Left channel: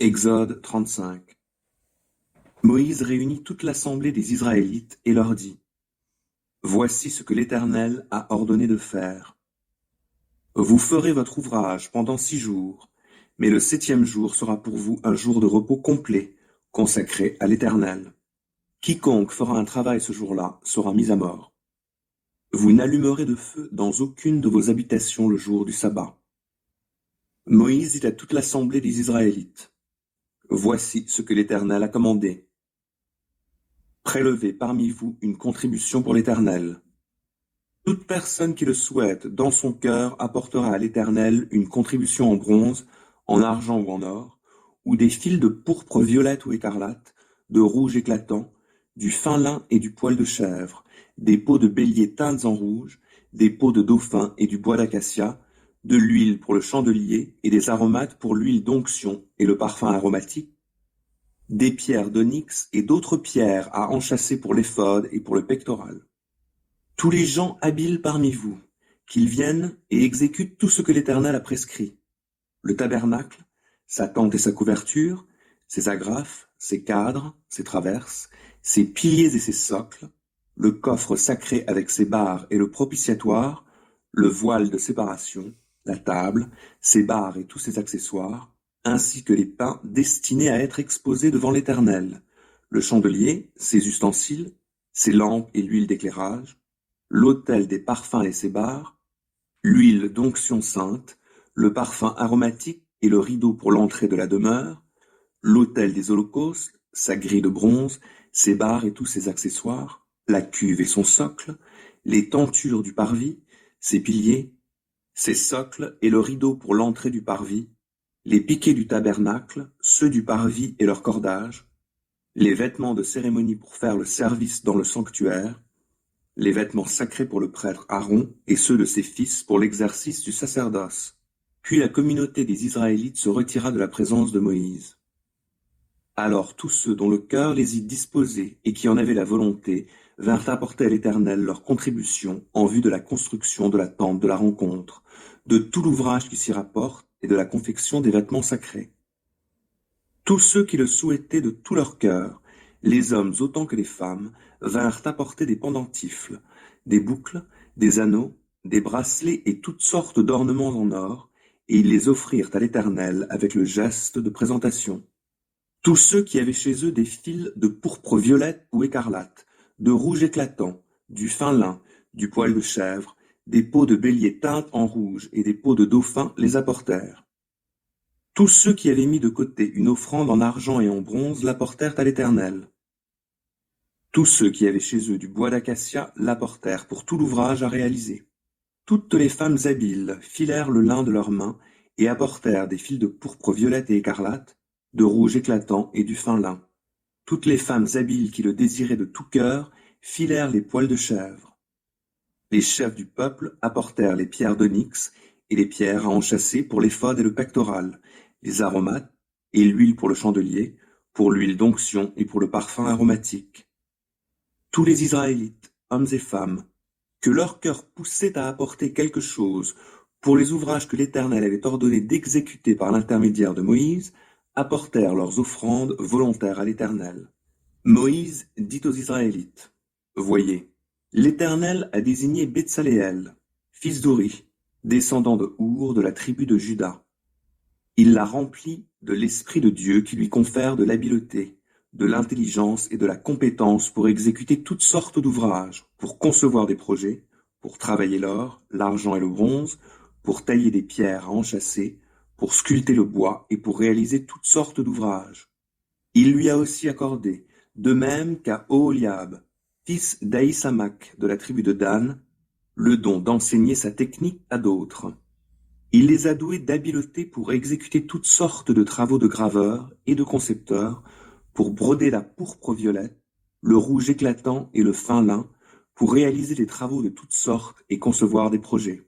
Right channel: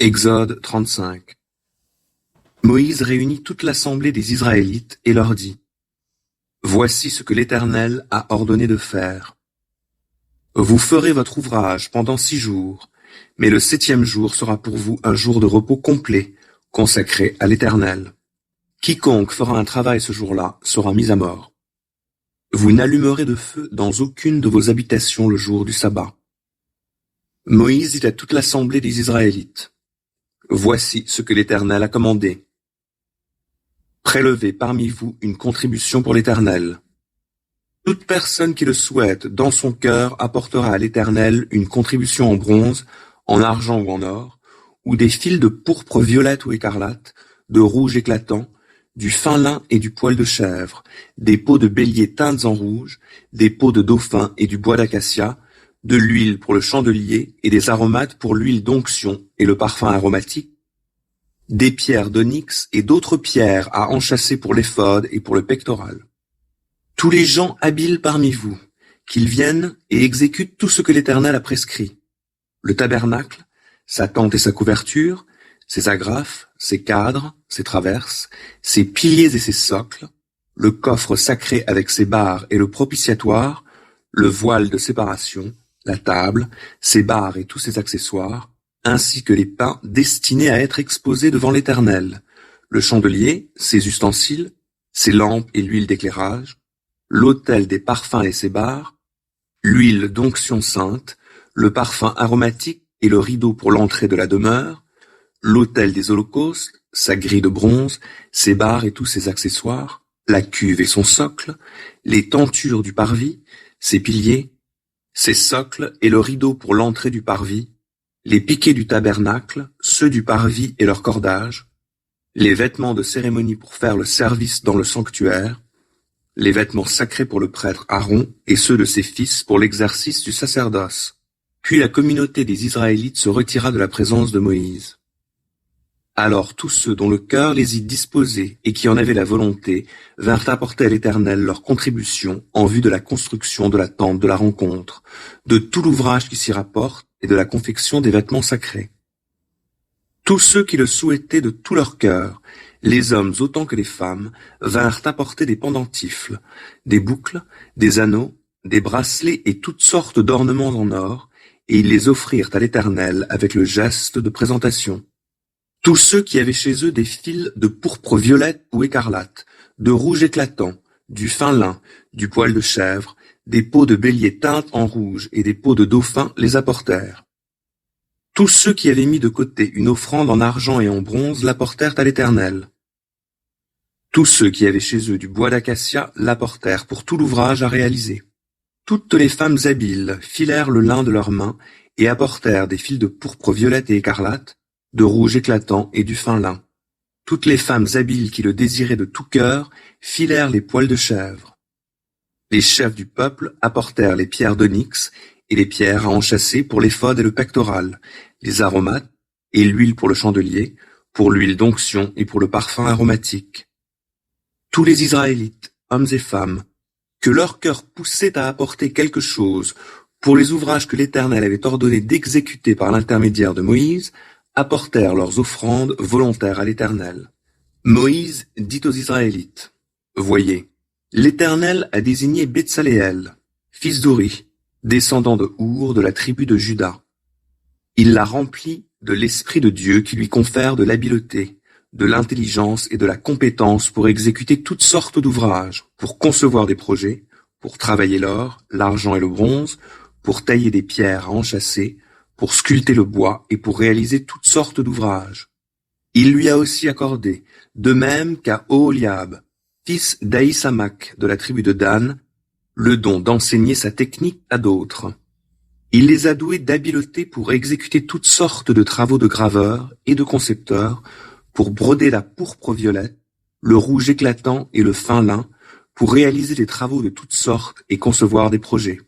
Exode 35. Moïse réunit toute l'assemblée des Israélites et leur dit : Voici ce que l'Éternel a ordonné de faire. Vous ferez votre ouvrage pendant 6 jours, mais le 7e jour sera pour vous un jour de repos complet, consacré à l'Éternel. Quiconque fera un travail ce jour-là sera mis à mort. Vous n'allumerez de feu dans aucune de vos habitations le jour du sabbat. Moïse dit à toute l'assemblée des Israélites : Voici ce que l'Éternel a commandé. Prélevez parmi vous une contribution pour l'Éternel. Toute personne qui le souhaite dans son cœur apportera à l'Éternel une contribution en bronze, en argent ou en or, ou des fils de pourpre violette ou écarlate, de rouge éclatant, du fin lin et du poil de chèvre, des peaux de bélier teintes en rouge, des peaux de dauphin et du bois d'acacia, de l'huile pour le chandelier et des aromates pour l'huile d'onction et le parfum aromatique, des pierres d'onyx et d'autres pierres à enchâsser pour l'éphod et pour le pectoral. Tous les gens habiles parmi vous, qu'ils viennent et exécutent tout ce que l'Éternel a prescrit. Le tabernacle, sa tente et sa couverture, ses agrafes, ses cadres, ses traverses, ses piliers et ses socles, le coffre sacré avec ses barres et le propitiatoire, le voile de séparation, la table, ses barres et tous ses accessoires, ainsi que les pains destinés à être exposés devant l'Éternel, le chandelier, ses ustensiles, ses lampes et l'huile d'éclairage, l'autel des parfums et ses barres, l'huile d'onction sainte, le parfum aromatique et le rideau pour l'entrée de la demeure, l'autel des holocaustes, sa grille de bronze, ses barres et tous ses accessoires, la cuve et son socle, les tentures du parvis, ses piliers, ses socles et le rideau pour l'entrée du parvis, les piquets du tabernacle, ceux du parvis et leurs cordages, les vêtements de cérémonie pour faire le service dans le sanctuaire, les vêtements sacrés pour le prêtre Aaron et ceux de ses fils pour l'exercice du sacerdoce. Puis la communauté des Israélites se retira de la présence de Moïse. Alors tous ceux dont le cœur les y disposait et qui en avaient la volonté vinrent apporter à l'Éternel leur contribution en vue de la construction de la tente de la rencontre, de tout l'ouvrage qui s'y rapporte et de la confection des vêtements sacrés. Tous ceux qui le souhaitaient de tout leur cœur, les hommes autant que les femmes, vinrent apporter des pendentifles, des boucles, des anneaux, des bracelets et toutes sortes d'ornements en or, et ils les offrirent à l'Éternel avec le geste de présentation. Tous ceux qui avaient chez eux des fils de pourpre violette ou écarlate, de rouge éclatant, du fin lin, du poil de chèvre, des peaux de bélier teintes en rouge et des peaux de dauphin les apportèrent. Tous ceux qui avaient mis de côté une offrande en argent et en bronze l'apportèrent à l'Éternel. Tous ceux qui avaient chez eux du bois d'acacia l'apportèrent pour tout l'ouvrage à réaliser. Toutes les femmes habiles filèrent le lin de leurs mains et apportèrent des fils de pourpre violette et écarlate, de rouge éclatant et du fin lin. Toutes les femmes habiles qui le désiraient de tout cœur filèrent les poils de chèvre. Les chefs du peuple apportèrent les pierres d'onyx et les pierres à enchâsser pour l'éphod et le pectoral, les aromates et l'huile pour le chandelier, pour l'huile d'onction et pour le parfum aromatique. Tous les Israélites, hommes et femmes, que leur cœur poussait à apporter quelque chose pour les ouvrages que l'Éternel avait ordonné d'exécuter par l'intermédiaire de Moïse, apportèrent leurs offrandes volontaires à l'Éternel. Moïse dit aux Israélites : Voyez, l'Éternel a désigné Betsaléel, fils d'Uri, descendant de Our de la tribu de Juda. Il l'a rempli de l'Esprit de Dieu qui lui confère de l'habileté, de l'intelligence et de la compétence pour exécuter toutes sortes d'ouvrages, pour concevoir des projets, pour travailler l'or, l'argent et le bronze, pour tailler des pierres à enchâsser, pour sculpter le bois et pour réaliser toutes sortes d'ouvrages. Il lui a aussi accordé, de même qu'à Oholiab, fils d'Aïsamach de la tribu de Dan, le don d'enseigner sa technique à d'autres. Il les a doués d'habileté pour exécuter toutes sortes de travaux de graveurs et de concepteurs, pour broder la pourpre violette, le rouge éclatant et le fin lin, pour réaliser des travaux de toutes sortes et concevoir des projets.